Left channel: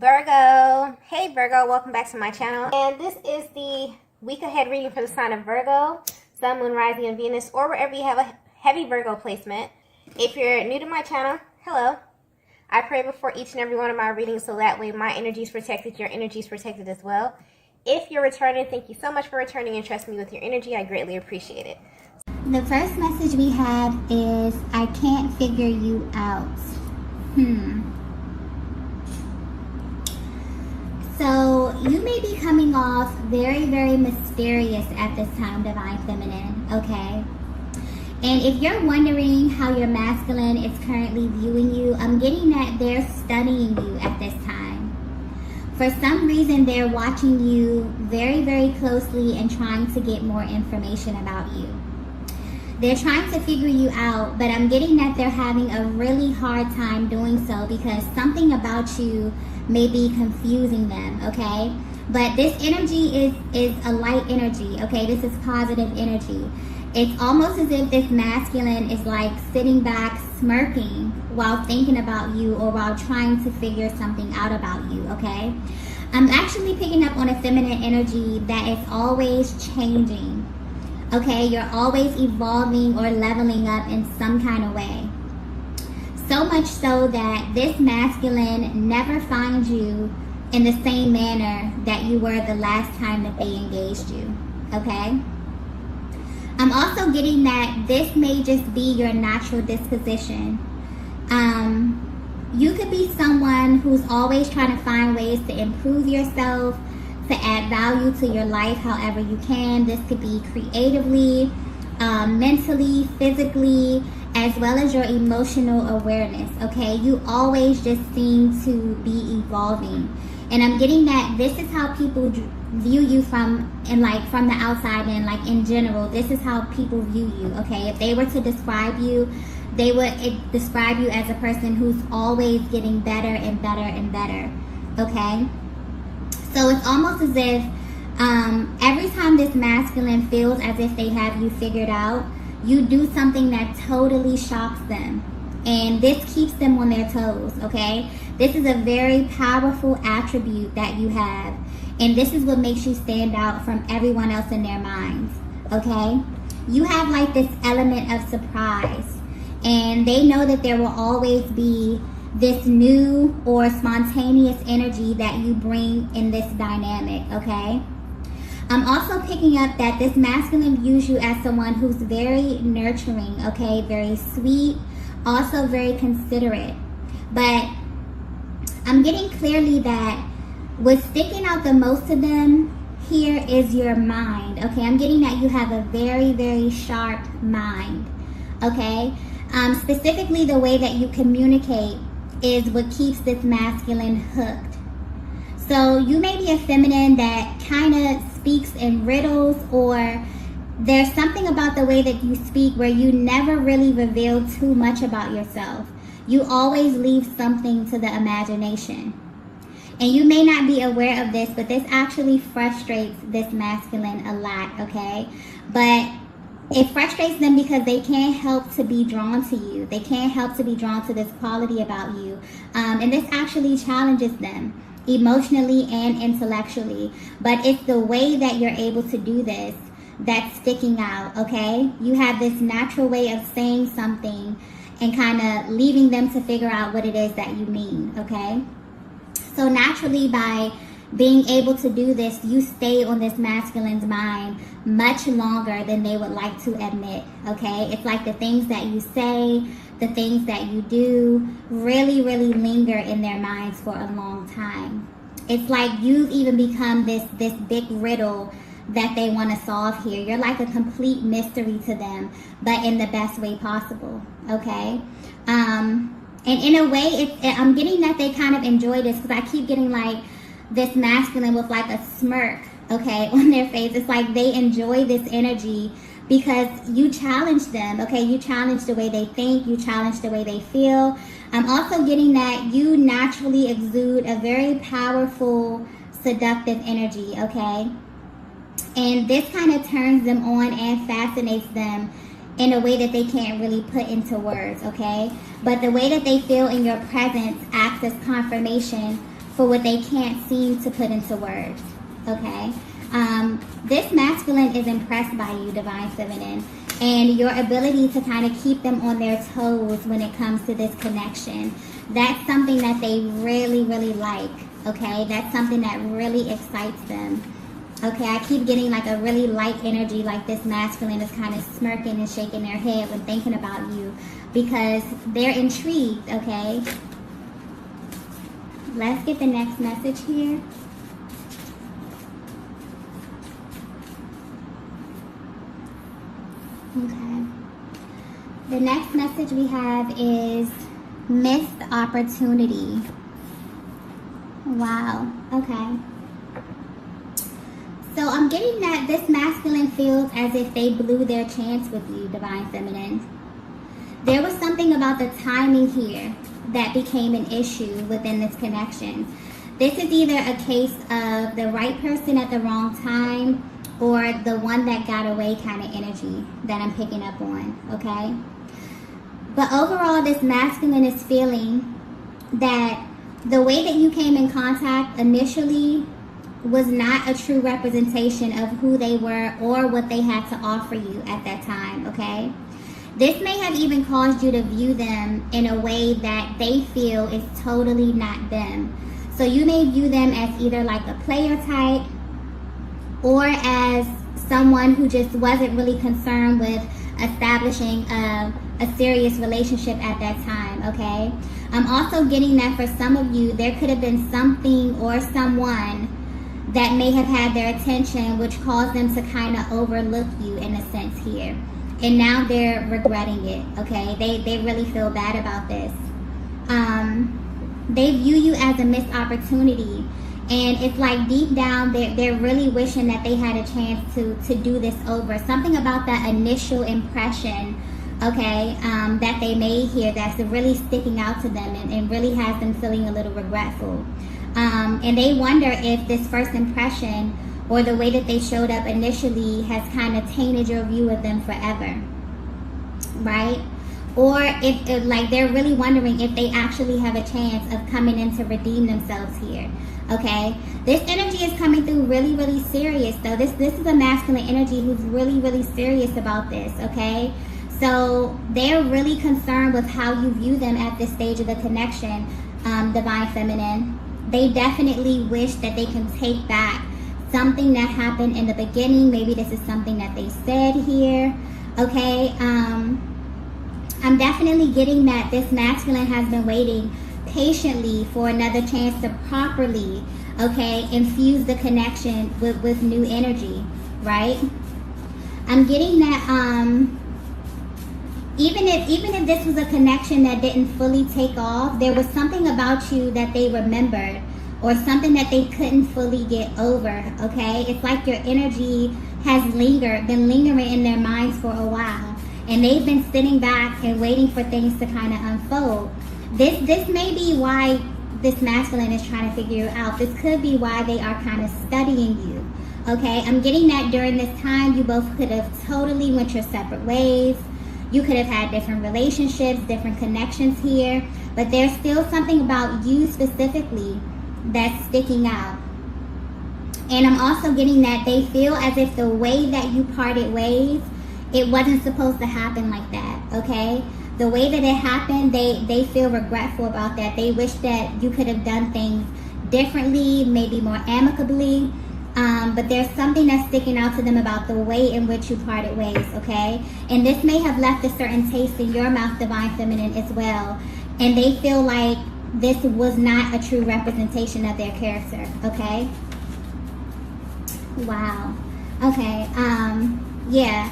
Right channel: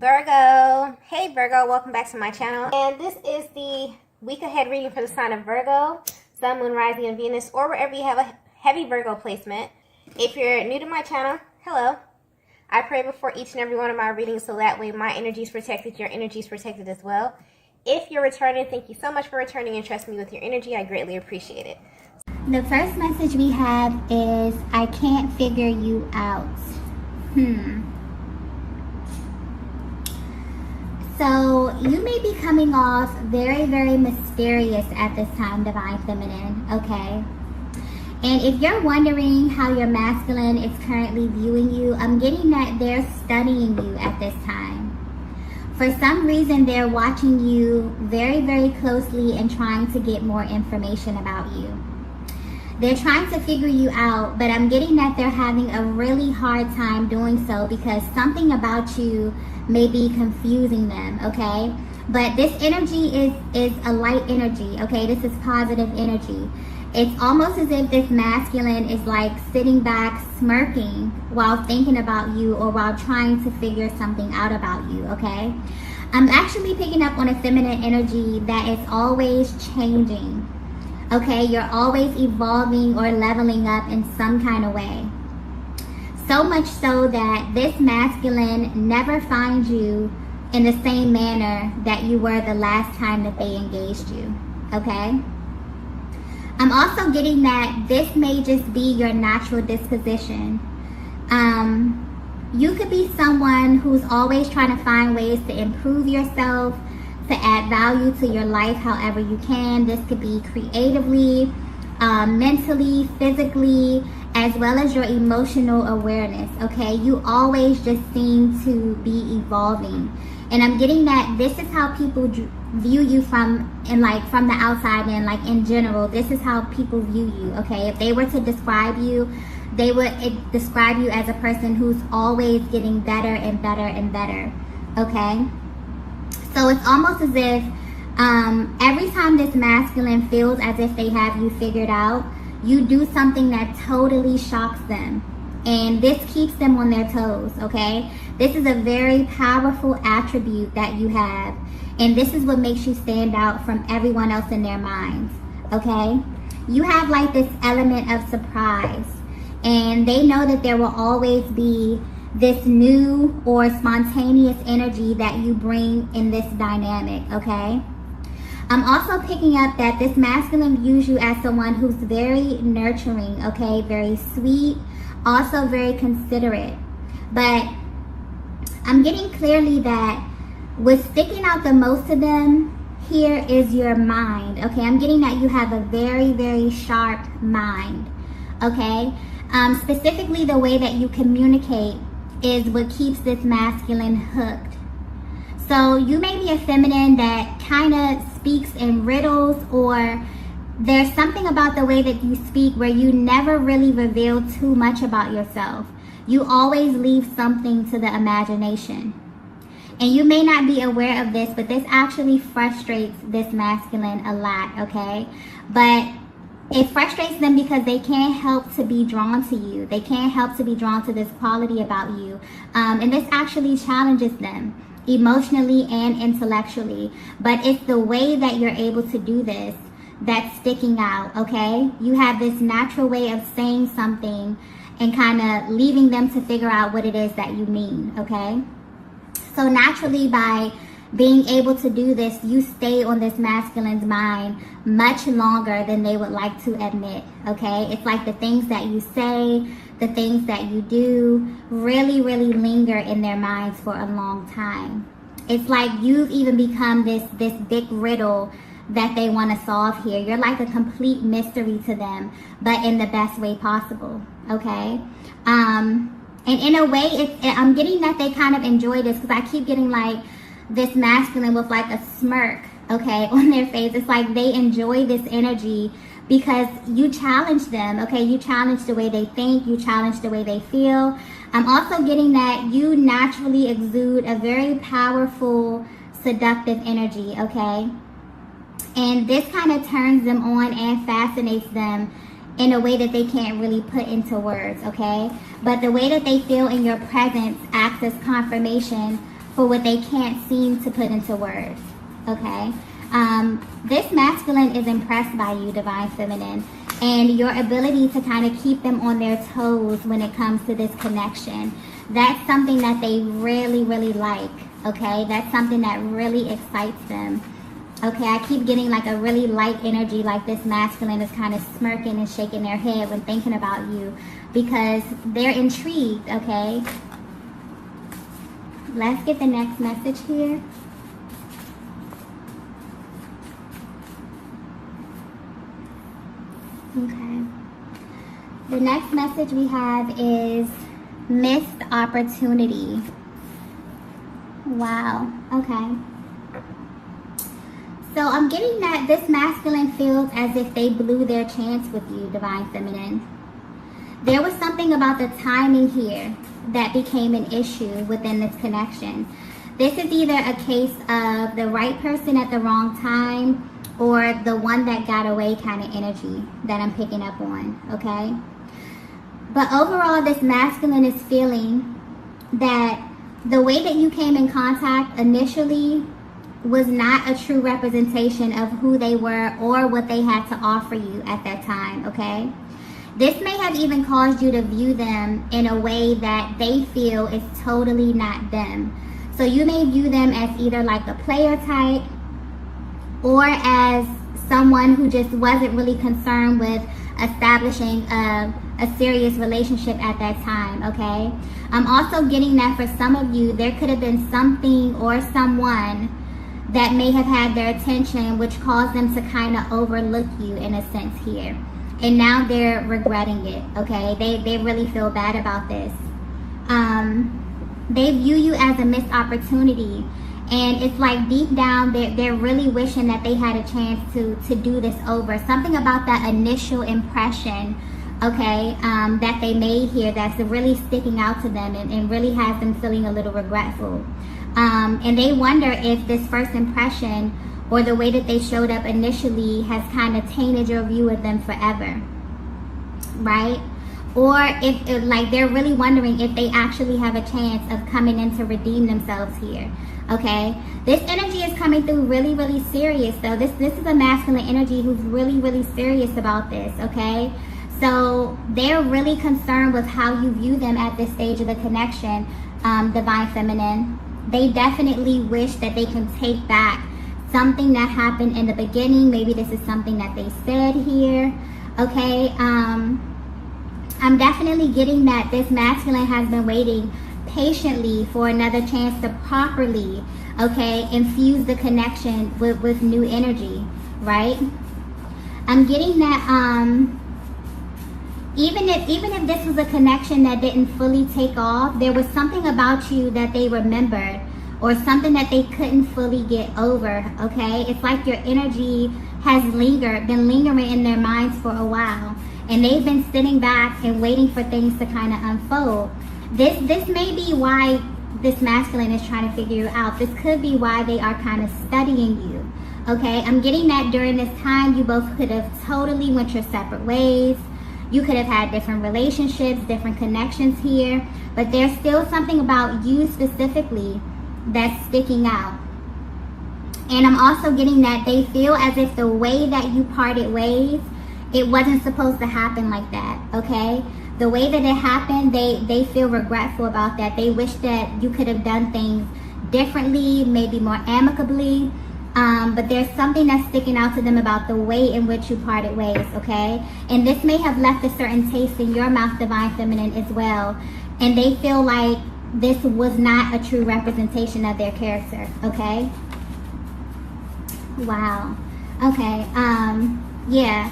Virgo. Hey Virgo, welcome back to my channel. And this is the week ahead reading for the sign of Virgo, Sun, Moon, Rising, and Venus, or wherever you have a heavy Virgo placement. If you're new to my channel, hello. I pray before each and every one of my readings so that way my energy is protected, your energy is protected as well. If you're returning, thank you so much for returning and trusting me with your energy. I greatly appreciate it. The first message we have is, I can't figure you out. So you may be coming off very, very mysterious at this time, Divine Feminine, okay? And if you're wondering how your masculine is currently viewing you, I'm getting that they're studying you at this time. For some reason, they're watching you very, very closely and trying to get more information about you. They're trying to figure you out, but I'm getting that they're having a really hard time doing so because something about you may be confusing them, okay? But this energy is a light energy, okay? This is positive energy. It's almost as if this masculine is like sitting back smirking while thinking about you or while trying to figure something out about you, okay? I'm actually picking up on a feminine energy that is always changing, okay? You're always evolving or leveling up in some kind of way. So much so that this masculine never finds you in the same manner that you were the last time that they engaged you, okay? I'm also getting that this may just be your natural disposition. You could be someone who's always trying to find ways to improve yourself, to add value to your life however you can. This could be creatively, mentally, physically, as well as your emotional awareness, okay? You always just seem to be evolving. And I'm getting that this is how people view you from the outside and like in general, this is how people view you, okay? If they were to describe you, they would describe you as a person who's always getting better and better and better, okay? So it's almost as if every time this masculine feels as if they have you figured out, you do something that totally shocks them. And this keeps them on their toes, okay? This is a very powerful attribute that you have. And this is what makes you stand out from everyone else in their minds, okay? You have like this element of surprise. And they know that there will always be this new or spontaneous energy that you bring in this dynamic, okay? I'm also picking up that this masculine views you as someone who's very nurturing, okay? Very sweet, also very considerate. But I'm getting clearly that what's sticking out the most to them here is your mind, okay? I'm getting that you have a very, very sharp mind, okay? Specifically, the way that you communicate is what keeps this masculine hooked. So you may be a feminine that kind of speaks in riddles, or there's something about the way that you speak where you never really reveal too much about yourself. You always leave something to the imagination. And you may not be aware of this, but this actually frustrates this masculine a lot, okay? But it frustrates them because they can't help to be drawn to you. They can't help to be drawn to this quality about you. And this actually challenges them emotionally and intellectually. But it's the way that you're able to do this that's sticking out, okay? You have this natural way of saying something and kind of leaving them to figure out what it is that you mean, okay? So naturally, by being able to do this, you stay on this masculine's mind much longer than they would like to admit, okay? It's like the things that you say, the things that you do really, really linger in their minds for a long time. It's like you've even become this big riddle that they want to solve here. You're like a complete mystery to them, but in the best way possible, okay? And in a way, I'm getting that they kind of enjoy this because I keep getting like this masculine with like a smirk, okay, on their face. It's like they enjoy this energy because you challenge them, okay? You challenge the way they think, you challenge the way they feel. I'm also getting that you naturally exude a very powerful, seductive energy, okay? And this kind of turns them on and fascinates them in a way that they can't really put into words, okay? But the way that they feel in your presence acts as confirmation for what they can't seem to put into words, okay? This masculine is impressed by you, Divine Feminine, and your ability to kind of keep them on their toes when it comes to this connection. That's something that they really, really like, okay? That's something that really excites them. Okay, I keep getting like a really light energy, like this masculine is kind of smirking and shaking their head when thinking about you because they're intrigued, okay? Let's get the next message here. Okay. The next message we have is missed opportunity. Wow, okay. So I'm getting that this masculine feels as if they blew their chance with you, Divine Feminine. There was something about the timing here that became an issue within this connection. This is either a case of the right person at the wrong time or the one that got away kind of energy that I'm picking up on, okay? But overall, this masculine is feeling that the way that you came in contact initially was not a true representation of who they were or what they had to offer you at that time, okay? This may have even caused you to view them in a way that they feel is totally not them. So you may view them as either like a player type or as someone who just wasn't really concerned with establishing a serious relationship at that time, okay? I'm also getting that for some of you, there could have been something or someone that may have had their attention, which caused them to kind of overlook you in a sense here. And now they're regretting it, okay? They really feel bad about this. They view you as a missed opportunity. And it's like deep down, they're really wishing that they had a chance to do this over. Something about that initial impression, okay, that they made here that's really sticking out to them and really has them feeling a little regretful. And they wonder if this first impression or the way that they showed up initially has kind of tainted your view of them forever, right? Or if like they're really wondering if they actually have a chance of coming in to redeem themselves here, okay? This energy is coming through really, really serious though. This is a masculine energy who's really, really serious about this, okay? So they're really concerned with how you view them at this stage of the connection, Divine Feminine. They definitely wish that they can take back something that happened in the beginning. Maybe this is something that they said here, okay? I'm definitely getting that this masculine has been waiting patiently for another chance to properly, okay, infuse the connection with new energy, right? I'm getting that even if this was a connection that didn't fully take off, there was something about you that they remembered or something that they couldn't fully get over, okay? It's like your energy has been lingering in their minds for a while, and they've been sitting back and waiting for things to kind of unfold. This may be why this masculine is trying to figure you out. This could be why they are kind of studying you, okay? I'm getting that during this time, you both could have totally went your separate ways. You could have had different relationships, different connections here, but there's still something about you specifically that's sticking out. And I'm also getting that they feel as if the way that you parted ways, it wasn't supposed to happen like that, okay? The way that it happened, they feel regretful about that. They wish that you could have done things differently, maybe more amicably. But there's something that's sticking out to them about the way in which you parted ways, okay? And this may have left a certain taste in your mouth, Divine Feminine, as well. And they feel like this was not a true representation of their character, okay? Wow. Okay, yeah.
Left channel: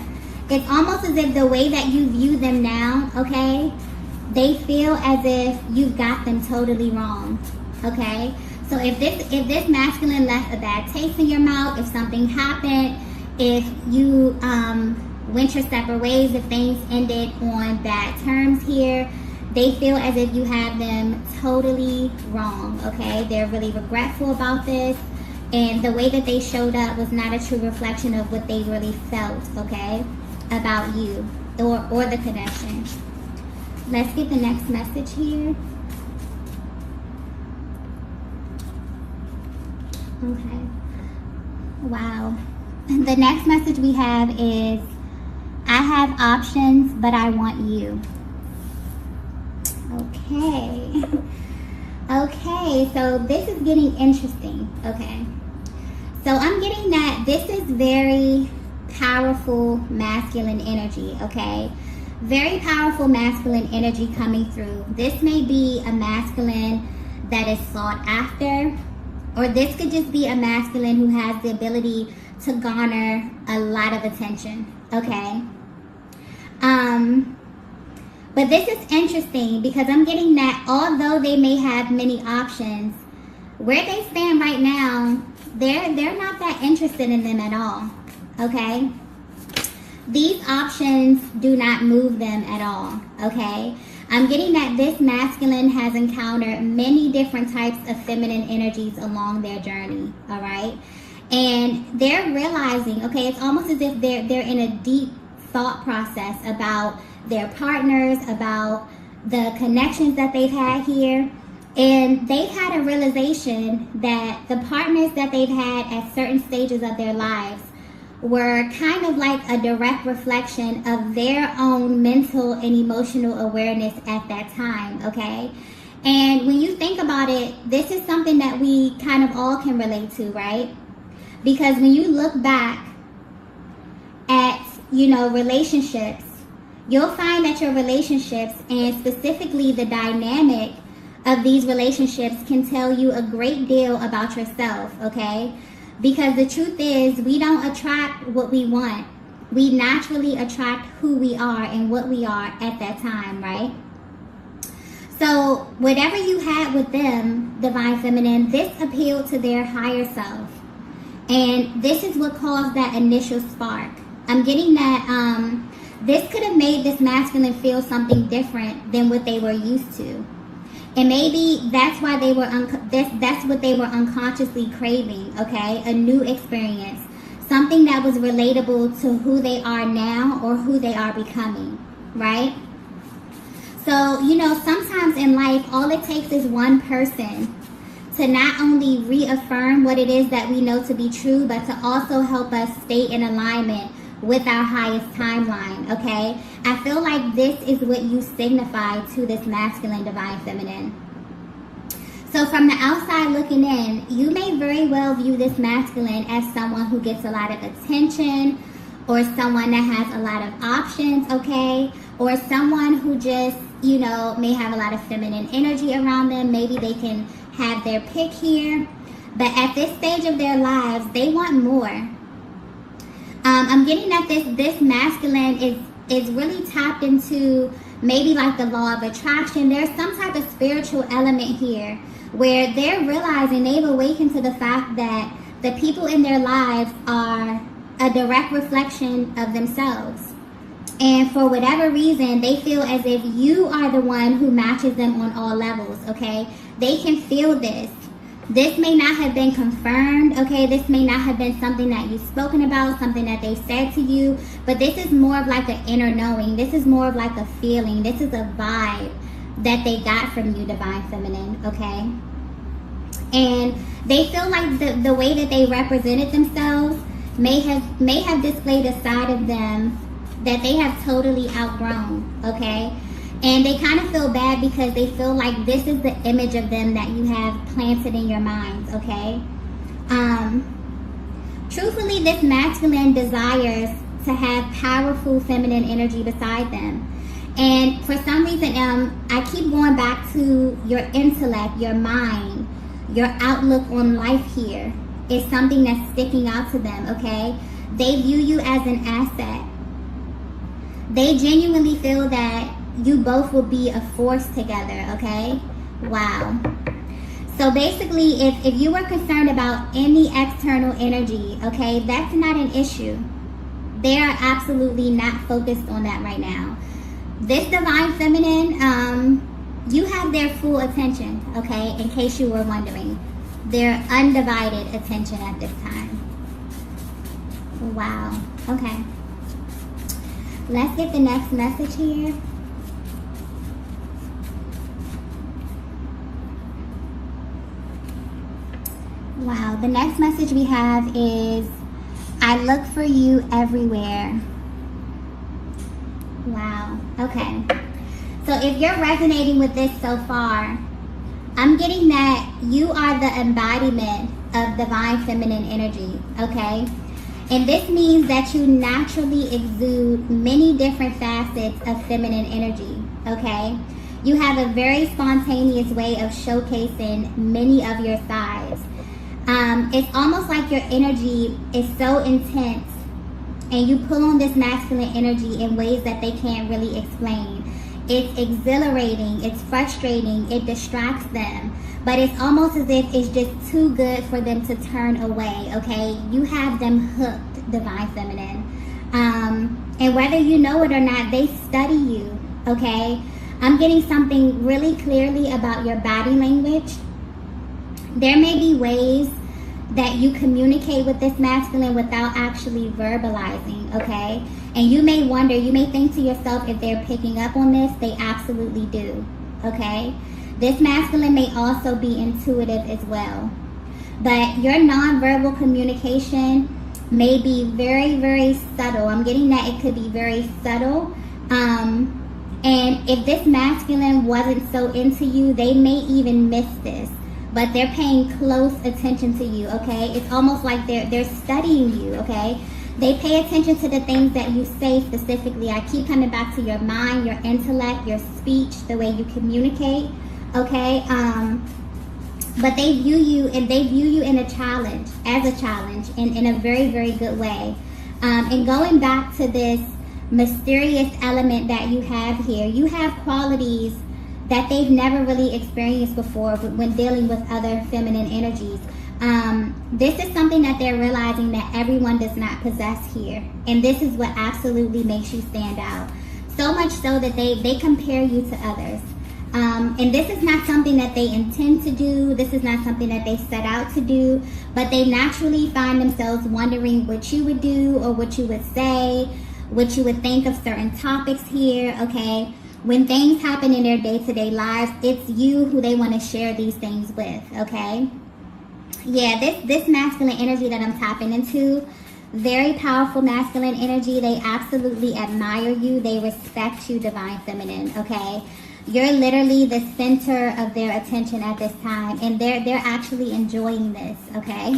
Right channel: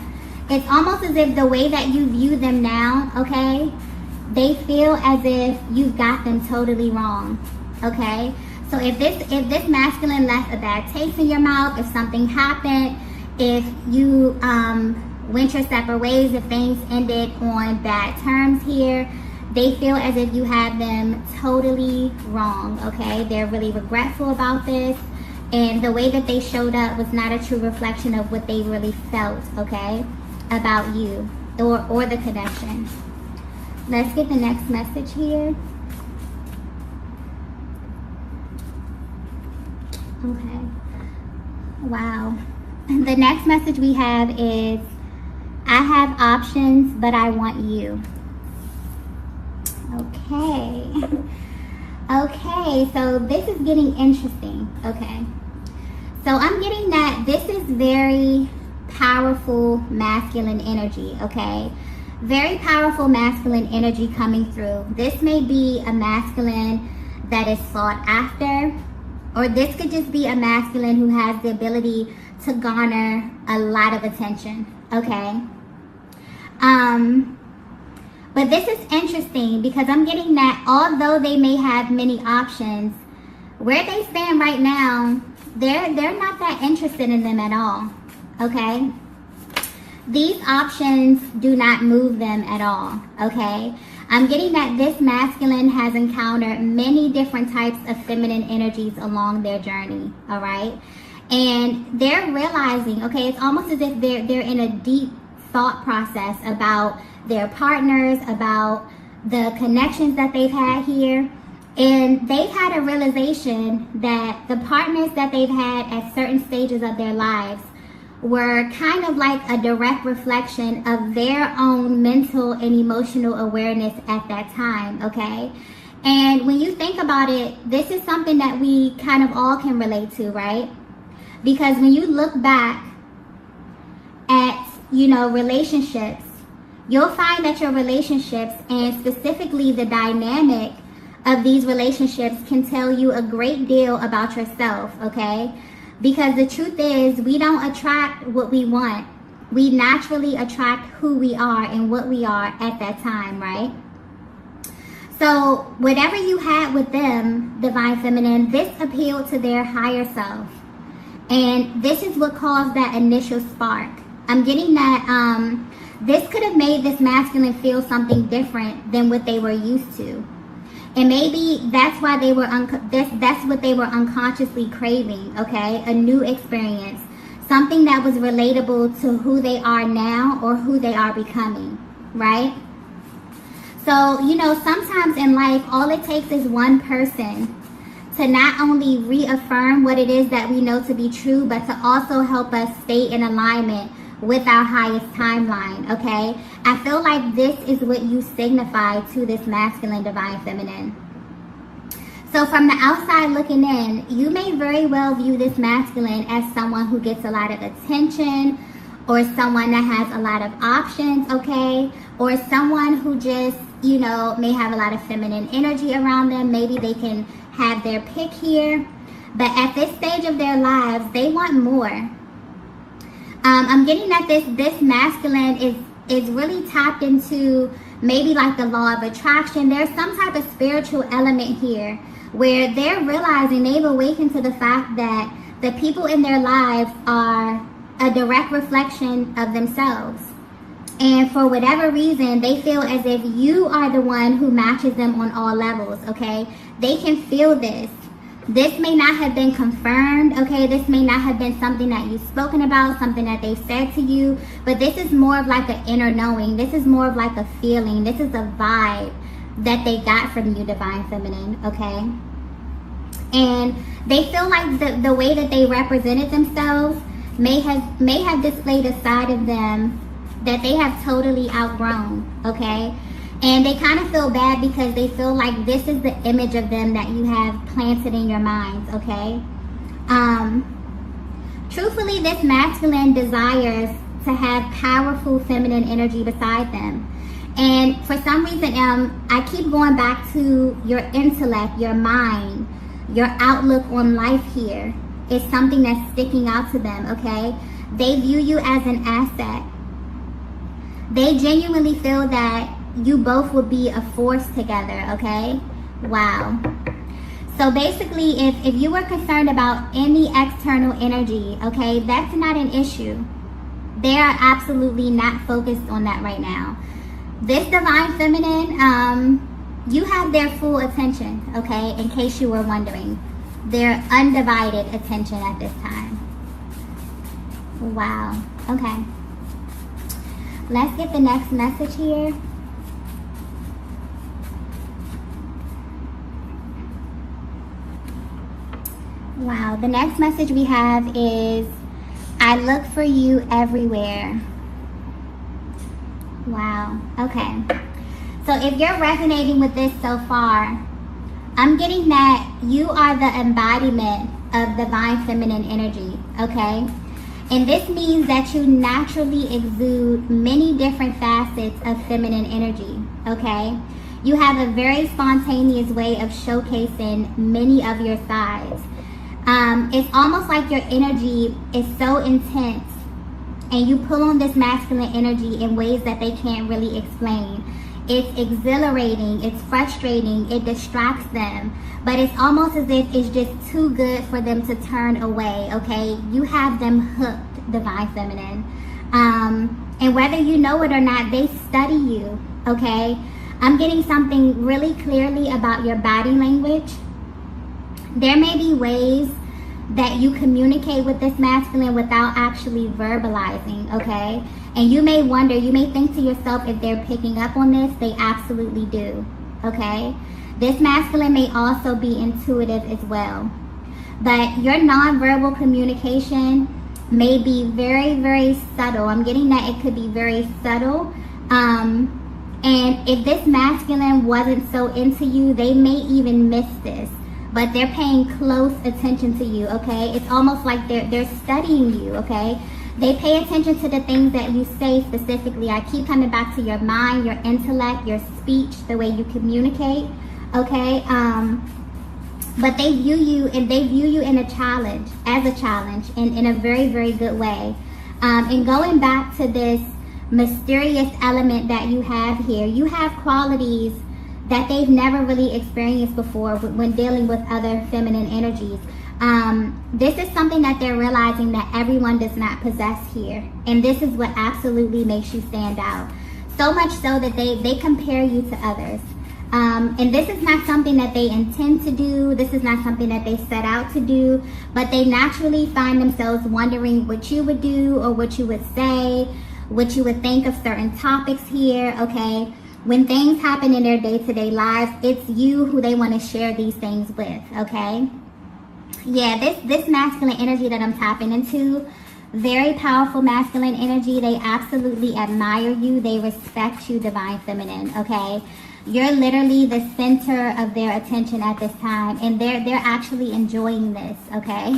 It's almost as if the way that you view them now, okay, they feel as if you've got them totally wrong, okay? So if this masculine left a bad taste in your mouth, if something happened, if you went your separate ways, if things ended on bad terms here, they feel as if you had them totally wrong, okay? They're really regretful about this, and the way that they showed up was not a true reflection of what they really felt, okay, about you or the connection. Let's get the next message here. Okay. Wow. The next message we have is, I have options, but I want you. Okay. Okay, so this is getting interesting. Okay. So I'm getting that this is very powerful masculine energy, okay? Very powerful masculine energy coming through. This may be a masculine that is sought after, or this could just be a masculine who has the ability to garner a lot of attention, okay? But this is interesting because I'm getting that although they may have many options, where they stand right now, they're not that interested in them at all, okay? These options do not move them at all, okay? I'm getting that this masculine has encountered many different types of feminine energies along their journey, all right? And they're realizing, okay, it's almost as if they're in a deep thought process about their partners, about the connections that they've had here. And they've had a realization that the partners that they've had at certain stages of their lives were kind of like a direct reflection of their own mental and emotional awareness at that time, okay? And when you think about it, this is something that we kind of all can relate to, right? Because when you look back at, relationships, you'll find that your relationships, and specifically the dynamic of these relationships, can tell you a great deal about yourself, okay? Because the truth is, we don't attract what we want. We naturally attract who we are and what we are at that time, right? So whatever you had with them, Divine Feminine, this appealed to their higher self. And this is what caused that initial spark. I'm getting that this could have made this masculine feel something different than what they were used to. And maybe that's why they were that's what they were unconsciously craving, okay? A new experience, something that was relatable to who they are now or who they are becoming, right? So, sometimes in life, all it takes is one person to not only reaffirm what it is that we know to be true, but to also help us stay in alignment with our highest timeline, okay? I feel like this is what you signify to this masculine Divine Feminine. So from the outside looking in, you may very well view this masculine as someone who gets a lot of attention, or someone that has a lot of options, okay? Or someone who just, may have a lot of feminine energy around them. Maybe they can have their pick here. But at this stage of their lives, they want more. I'm getting that this masculine is really tapped into maybe like the law of attraction. There's some type of spiritual element here where they're realizing, they've awakened to the fact that the people in their lives are a direct reflection of themselves. And for whatever reason, they feel as if you are the one who matches them on all levels, okay? They can feel this. This may not have been confirmed, okay? This may not have been something that you've spoken about, something that they said to you, but this is more of like an inner knowing. This is more of like a feeling. This is a vibe that they got from you, Divine Feminine, okay? And they feel like the way that they represented themselves may have displayed a side of them that they have totally outgrown, okay? And they kind of feel bad because they feel like this is the image of them that you have planted in your minds, okay? Truthfully, this masculine desires to have powerful feminine energy beside them. And for some reason, I keep going back to your intellect, your mind, your outlook on life here is something that's sticking out to them, okay? They view you as an asset. They genuinely feel that you both will be a force together, okay? Wow. So basically, if you were concerned about any external energy, okay, that's not an issue. They are absolutely not focused on that right now. This Divine Feminine, you have their full attention, okay, in case you were wondering. Their undivided attention at this time. Wow. Okay. Let's get the next message here. Wow, the next message we have is, I look for you everywhere. Wow, okay. So if you're resonating with this so far, I'm getting that you are the embodiment of divine feminine energy, okay? And this means that you naturally exude many different facets of feminine energy, okay? You have a very spontaneous way of showcasing many of your sides. It's almost like your energy is so intense and you pull on this masculine energy in ways that they can't really explain. It's exhilarating, it's frustrating, it distracts them, but it's almost as if it's just too good for them to turn away, okay? You have them hooked, divine feminine. And whether you know it or not, they study you, okay? I'm getting something really clearly about your body language. There may be ways that you communicate with this masculine without actually verbalizing, okay? And you may wonder, you may think to yourself if they're picking up on this. They absolutely do, okay? This masculine may also be intuitive as well. But your nonverbal communication may be very, very subtle. I'm getting that it could be very subtle. And if this masculine wasn't so into you, they may even miss this. But they're paying close attention to you, okay? It's almost like they're studying you, okay? They pay attention to the things that you say specifically. I keep coming back to your mind, your intellect, your speech, the way you communicate, okay? But they view you in a challenge, as a challenge, in a very, very good way. And going back to this mysterious element that you have here, you have qualities that they've never really experienced before when dealing with other feminine energies. This is something that they're realizing that everyone does not possess here. And this is what absolutely makes you stand out. So much so that they compare you to others. And this is not something that they intend to do. This is not something that they set out to do. But they naturally find themselves wondering what you would do or what you would say, what you would think of certain topics here, okay? When things happen in their day-to-day lives, it's you who they want to share these things with, okay? Yeah, this masculine energy that I'm tapping into, very powerful masculine energy. They absolutely admire you. They respect you, divine feminine, okay? You're literally the center of their attention at this time, and they're actually enjoying this, okay?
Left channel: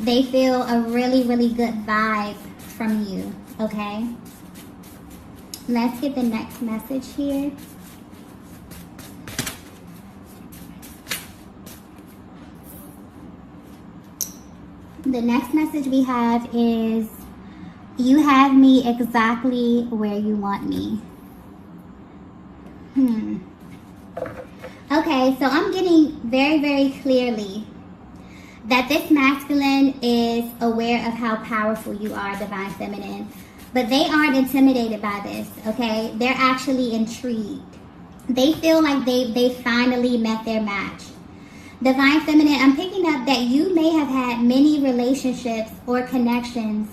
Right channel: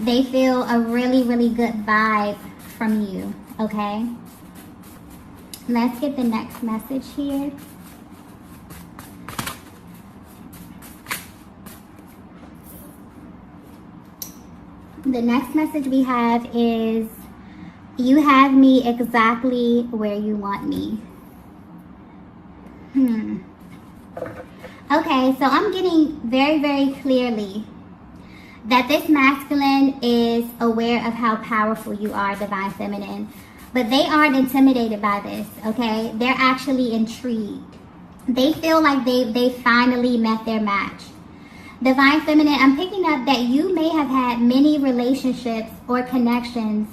They feel a really, really good vibe from you, okay? Let's get the next message here. The next message we have is, you have me exactly where you want me. Okay, so I'm getting very, very clearly that this masculine is aware of how powerful you are, divine feminine. But they aren't intimidated by this, okay? They're actually intrigued. They feel like they finally met their match. Divine feminine, I'm picking up that you may have had many relationships or connections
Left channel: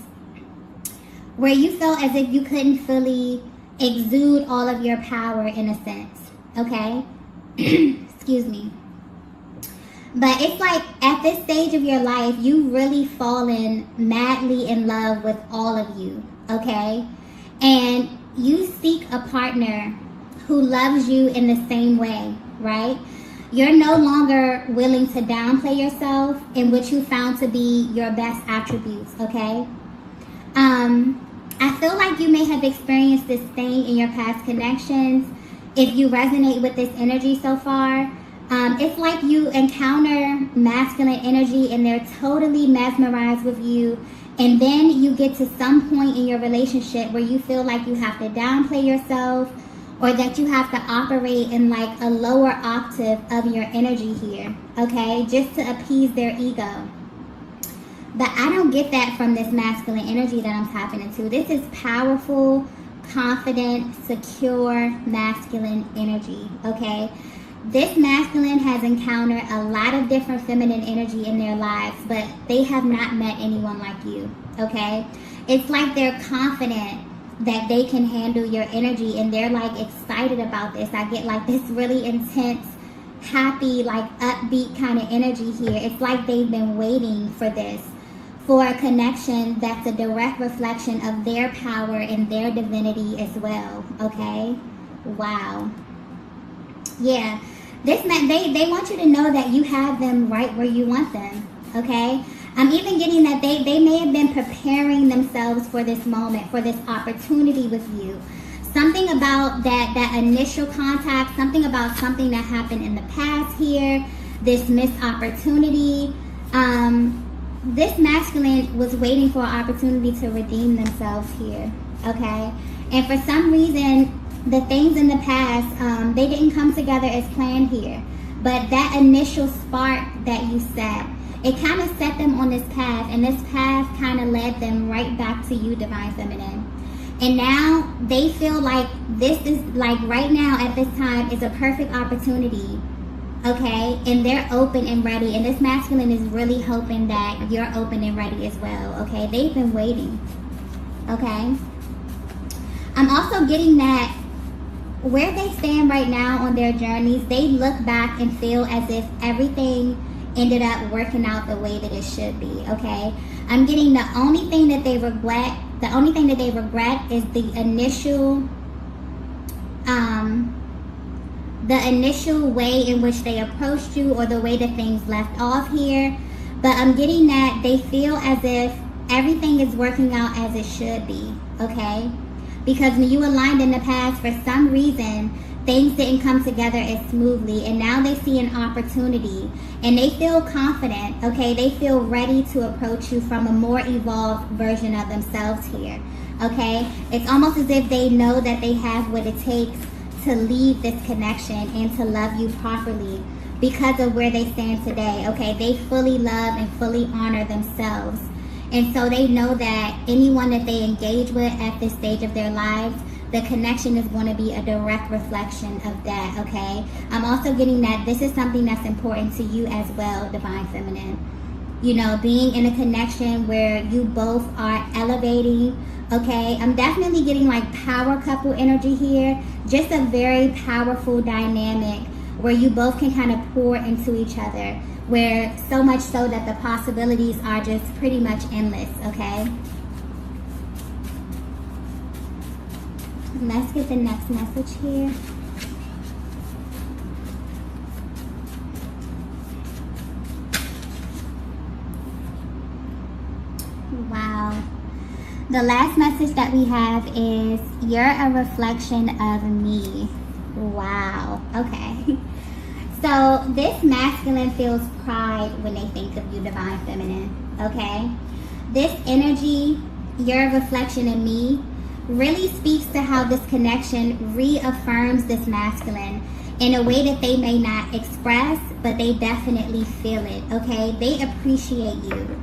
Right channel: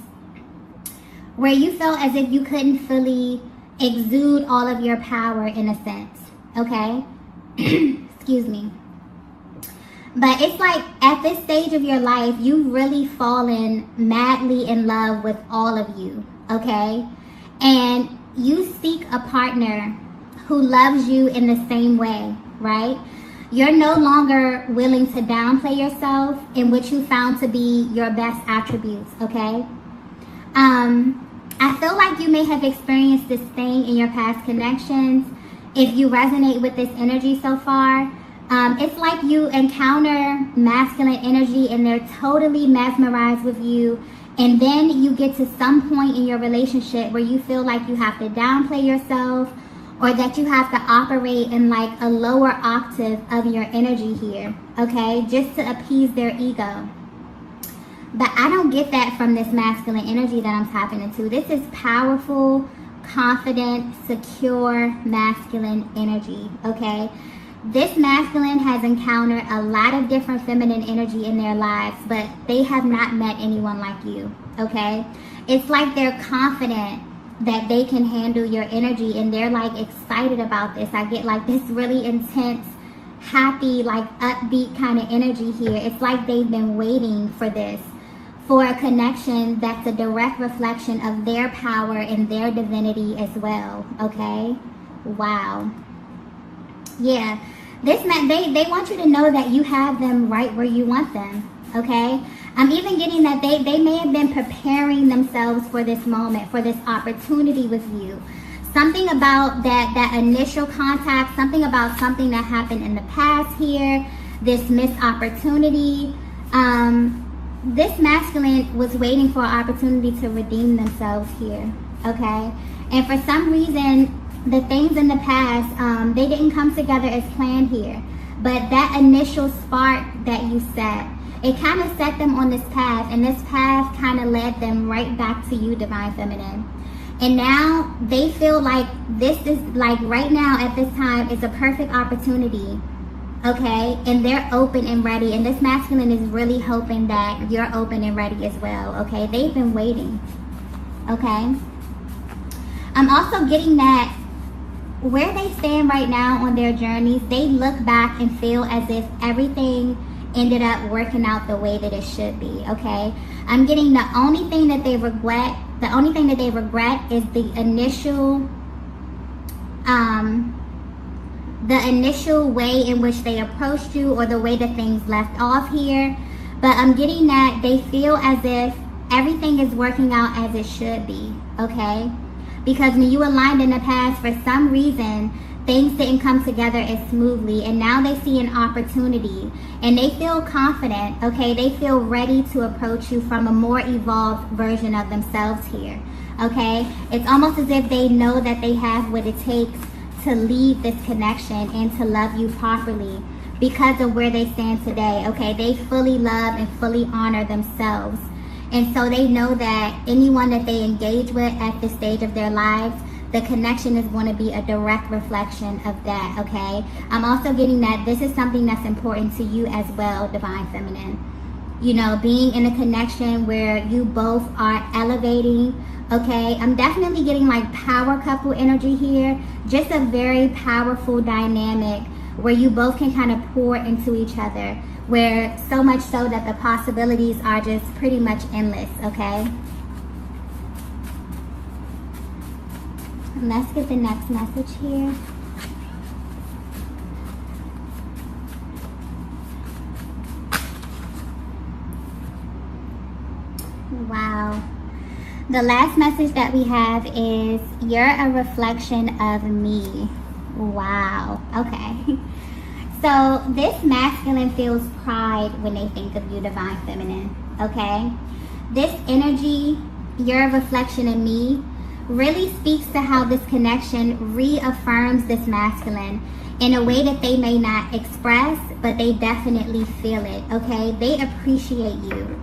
where you felt as if you couldn't fully exude all of your power in a sense, okay? Excuse me. But it's like at this stage of your life, you've really fallen madly in love with all of you, okay? And you seek a partner who loves you in the same way, right? You're no longer willing to downplay yourself in what you found to be your best attributes, okay? I feel like you may have experienced this thing in your past connections. If you resonate with this energy so far, it's like you encounter masculine energy and they're totally mesmerized with you. And then you get to some point in your relationship where you feel like you have to downplay yourself, or that you have to operate in like a lower octave of your energy here, okay? Just to appease their ego. But I don't get that from this masculine energy that I'm tapping into. This is powerful, confident, secure, masculine energy, okay? This masculine has encountered a lot of different feminine energy in their lives, but they have not met anyone like you, okay? It's like they're confident that they can handle your energy and they're like excited about this. I get like this really intense happy, like upbeat kind of energy here. It's like they've been waiting for this, for a connection that's a direct reflection of their power and their divinity as well. Okay? Wow. Yeah. This they want you to know that you have them right where you want them. Okay? I'm even getting that they may have been preparing themselves for this moment, for this opportunity with you. Something about that initial contact, something about something that happened in the past here, this missed opportunity. This masculine was waiting for an opportunity to redeem themselves here, okay? And for some reason, the things in the past, they didn't come together as planned here. But that initial spark that you set, it kind of set them on this path, and this path kind of led them right back to you, Divine Feminine. And now they feel like this is, like right now at this time, is a perfect opportunity, okay? And they're open and ready, and this masculine is really hoping that you're open and ready as well, okay? They've been waiting, okay? I'm also getting that where they stand right now on their journeys, they look back and feel as if everything ended up working out the way that it should be, okay? I'm getting the only thing that they regret is the initial way in which they approached you, or the way that things left off here. But I'm getting that they feel as if everything is working out as it should be, okay? Because when you aligned in the past, for some reason, things didn't come together as smoothly, and now they see an opportunity, and they feel confident, okay? They feel ready to approach you from a more evolved version of themselves here, okay? It's almost as if they know that they have what it takes to lead this connection and to love you properly because of where they stand today, okay? They fully love and fully honor themselves. And so they know that anyone that they engage with at this stage of their lives, the connection is going to be a direct reflection of that, okay? I'm also getting that this is something that's important to you as well, Divine Feminine. You know, being in a connection where you both are elevating, okay? I'm definitely getting like power couple energy here. Just a very powerful dynamic where you both can kind of pour into each other, where so much so that the possibilities are just pretty much endless, okay? Let's get the next message here. Wow. The last message that we have is, you're a reflection of me. Wow. Okay. So this masculine feels pride when they think of you, Divine Feminine. Okay? This energy, you're a reflection of me, really speaks to how this connection reaffirms this masculine in a way that they may not express, but they definitely feel it, okay? They appreciate you.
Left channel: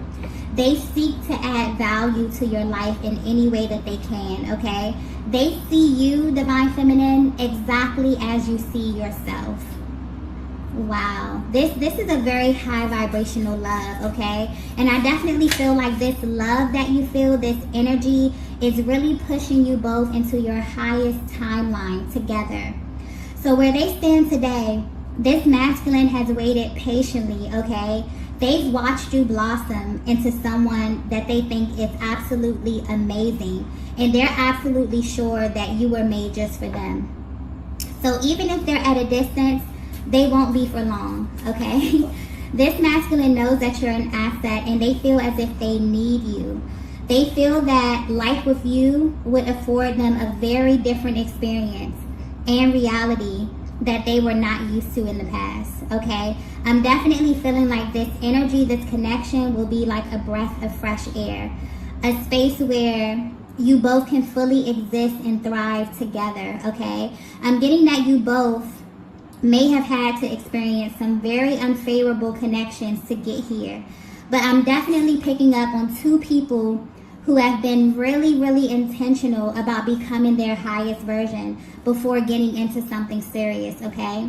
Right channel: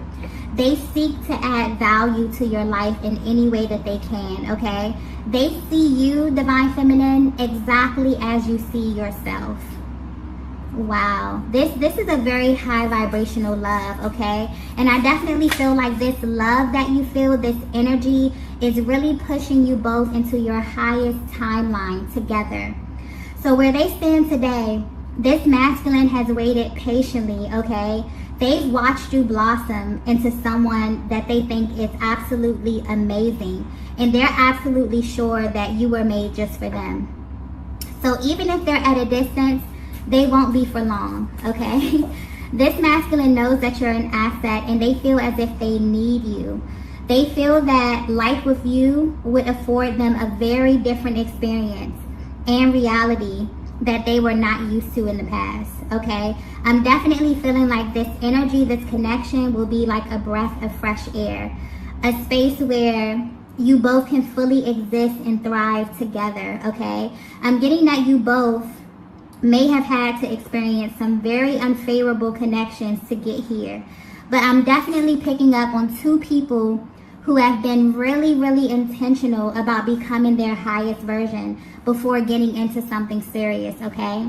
They seek to add value to your life in any way that they can, okay? They see you, Divine Feminine, exactly as you see yourself. Wow, this is a very high vibrational love, okay? And I definitely feel like this love that you feel, this energy, is really pushing you both into your highest timeline together. So where they stand today, this masculine has waited patiently, okay? They've watched you blossom into someone that they think is absolutely amazing. And they're absolutely sure that you were made just for them. So even if they're at a distance, they won't be for long, okay? This masculine knows that you're an asset, and they feel as if they need you. They feel that life with you would afford them a very different experience and reality that they were not used to in the past, okay? I'm definitely feeling like this energy, this connection will be like a breath of fresh air, a space where you both can fully exist and thrive together, okay? I'm getting that you both may have had to experience some very unfavorable connections to get here. But I'm definitely picking up on two people who have been really, really intentional about becoming their highest version before getting into something serious, okay?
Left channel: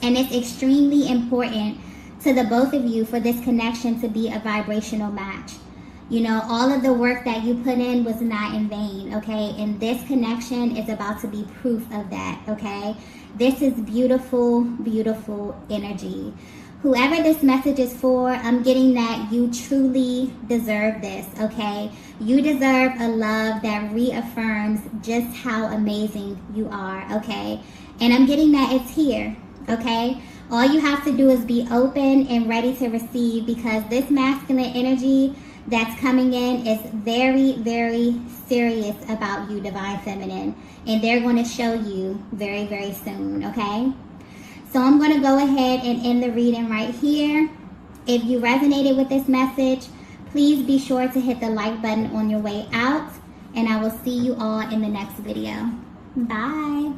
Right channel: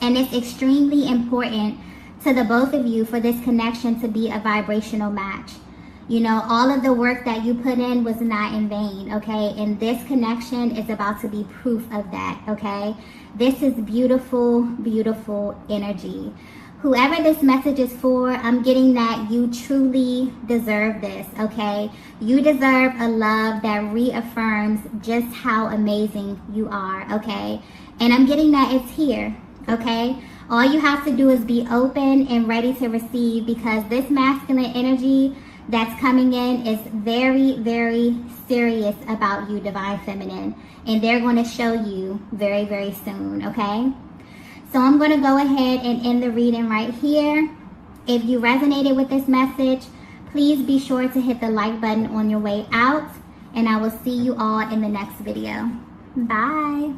And it's extremely important to the both of you for this connection to be a vibrational match. You know, all of the work that you put in was not in vain, okay? And this connection is about to be proof of that, okay? This is beautiful, beautiful energy. Whoever this message is for, I'm getting that you truly deserve this, okay? You deserve a love that reaffirms just how amazing you are, okay? And I'm getting that it's here, okay? All you have to do is be open and ready to receive, because this masculine energy that's coming in is very, very serious about you, Divine Feminine. And they're going to show you very, very soon, okay? So I'm going to go ahead and end the reading right here. If you resonated with this message, please be sure to hit the like button on your way out. And I will see you all in the next video. Bye.